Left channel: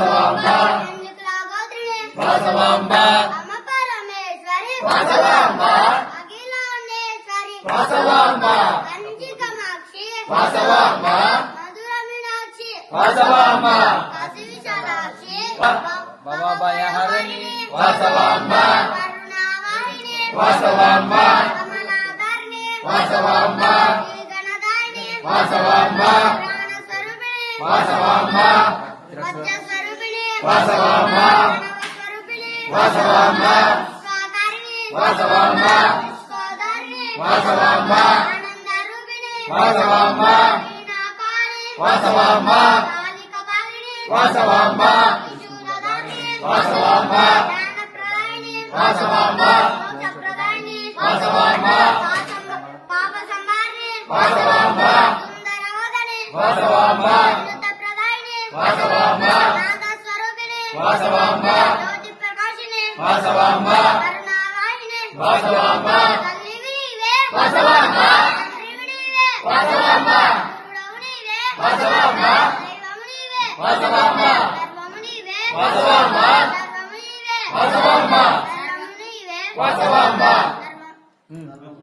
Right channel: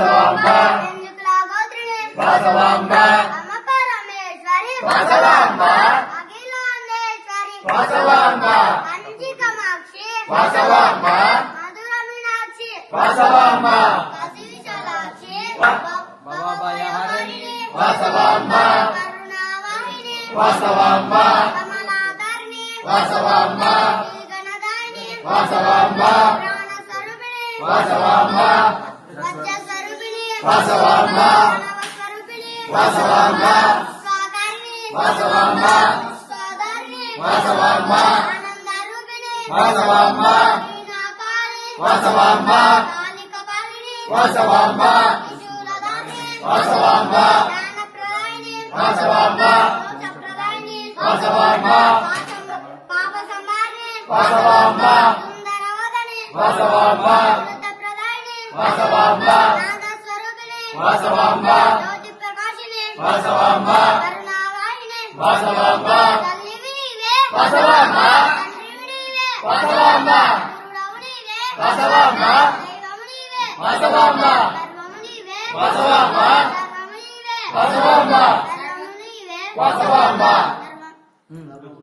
వాసవాంబ ఎందుకులా గోత్రిణి వాసవాంబ అమ్మ పరమేశ్వరి వాసవాంబ అఖిలాండేశ్వరి వాసవాంబ కంచి కామాక్షి వాసవాంబ మధుర మీనాక్షి వాసవాంబ కాశీ విశాలాక్షి భవభయహరిణి వాసవాంబ కరుణావారిణి వాసవాంబ కమలాధరిణి వాసవాంబ శ్రీగణదాయిని వాసవాంబ ప్రాణస్వరూపిణి వాసవాంబ వజ్రస్వరూపిణి వాసవాంబ ప్రణవస్వరూపిణి వాసవాంబ స్వాకారిణి వాసవాంబ స్వాధారిణి వాసవాంబ ఆనందరూపిణి వాసవాంబ వీణాపాణి వాసవాంబ కాళికపాణిని వాసవాంబ త్రిశూలధారిణి వాసవాంబ జ్ఞానప్రదాయిని వాసవాంబ మోక్షప్రదాయిని వాసవాంబ పాప సంహారిణి వాసవాంబ సుందరవదని వాసవాంబ అమృతప్రదాయిని వాసవాంబ నాదస్వరూపిణి వాసవాంబ జ్యోతి ప్రకాశిని వాసవాంబ కరుణావాహిని వాసవాంబ తల్లివి నీవే వాసవాంబ తండ్రివి నీవే వాసవాంబ గురుడవు నీవే వాసవాంబ దైవము నీవే వాసవాంబ